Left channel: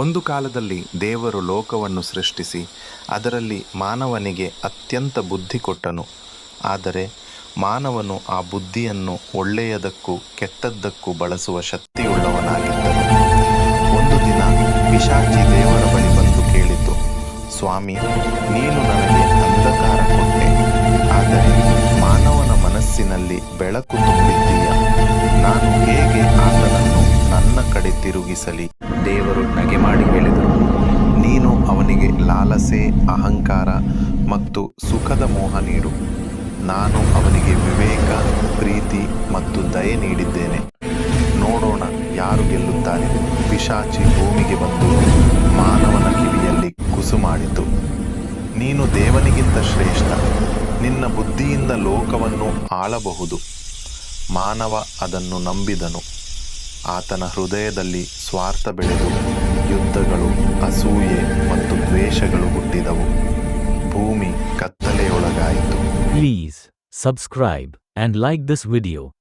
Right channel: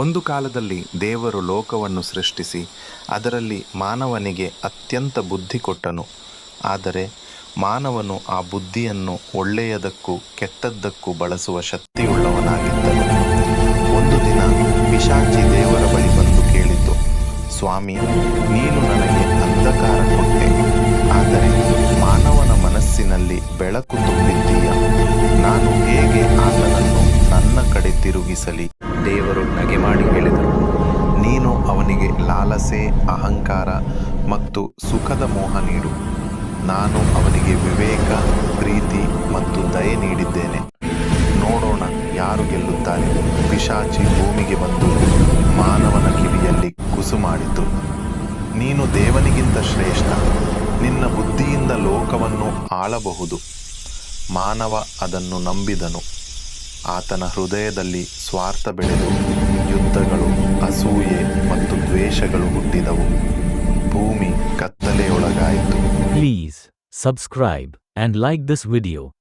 ಒಂದು ಕಾಲದಲ್ಲಿ ದೇವರು ಲೋಕವನ್ನು ಸೃಷ್ಟಿಸಿ ಅದರಲ್ಲಿ ಮಾನವನಿಗೆ ಅತ್ಯಂತ ಬುದ್ಧಿ ಕೊಟ್ಟನು. ಆದರೆ ಮಾನವನು ಆ ಬುದ್ಧಿಯನ್ನು ಒಳ್ಳೆಯದಕ್ಕೂ ಕೆಟ್ಟದ್ದಕ್ಕೂ ಬಳಸುವ ಶಕ್ತಿಯುಳ್ಳವನಾಗಿದ್ದನು. ಒಂದು ದಿನ ಪಿಶಾಚಿ ದೇವರ ಬಳಿ ಬಂದು ಕೇಳಿತು, ಸ್ವಾಮಿ, ನೀನು ನನಗೆ ಅಂಧಕಾರ ಕೊಟ್ಟೆ, ಆದರೆ ಮಾನವನ ಮನಸ್ಸಿನಲ್ಲಿ ಬೆಳಕು ತುಂಬಿದ್ದೀಯ. ನಾನು ಹೇಗೆ ಆತನನ್ನು ನನ್ನ ಕಡೆ ತಿರುಗಿಸಲಿ? ದೇವರು ನಗೆ ಮಾಡಿ ಹೇಳಿದರು, ನೀನು ಅವನಿಗೆ ಲಾಲಸೆ, ಅಹಂಕಾರ ಮತ್ತು ಸುಖದ ಮೋಹ ನೀಡು. ನಾನು ಅವನಿಗೆ ವಿವೇಕ, ಪ್ರೀತಿ ಮತ್ತು ದಯೆ ನೀಡಿದ್ದೇನೆ. ನೋಡೋಣ ಯಾರು ಗೆಲ್ಲುತ್ತಾರೆ. ಪಿಶಾಚಿ ಭೂಮಿಗೆ ಬಂದು ಮಾನವನ ಕಿವಿಯಲ್ಲಿ ಕುಸು ಮಾಡಿತು, ನೀನು ದೇವನಿಗಿಂತ ಶ್ರೇಷ್ಠ, ನಿನ್ನ ಬುದ್ಧಿಯಿಂದ ಲೋಕವನ್ನು ಆಳಬಹುದು. ಮಾನವ ಅದನ್ನು ನಂಬಿದನು. ಆತನ ಹೃದಯದಲ್ಲಿ ಸ್ವಾರ್ಥ ಬೆಳೆದು ಯುದ್ಧಗಳು, ಅಸೂಯೆ ಮತ್ತು ದ್ವೇಷಗಳು ಹುಟ್ಟಿದವು. ಭೂಮಿ ಕತ್ತಲೆಯೊಳಗಾಯಿತು. Please subscribe and like this video.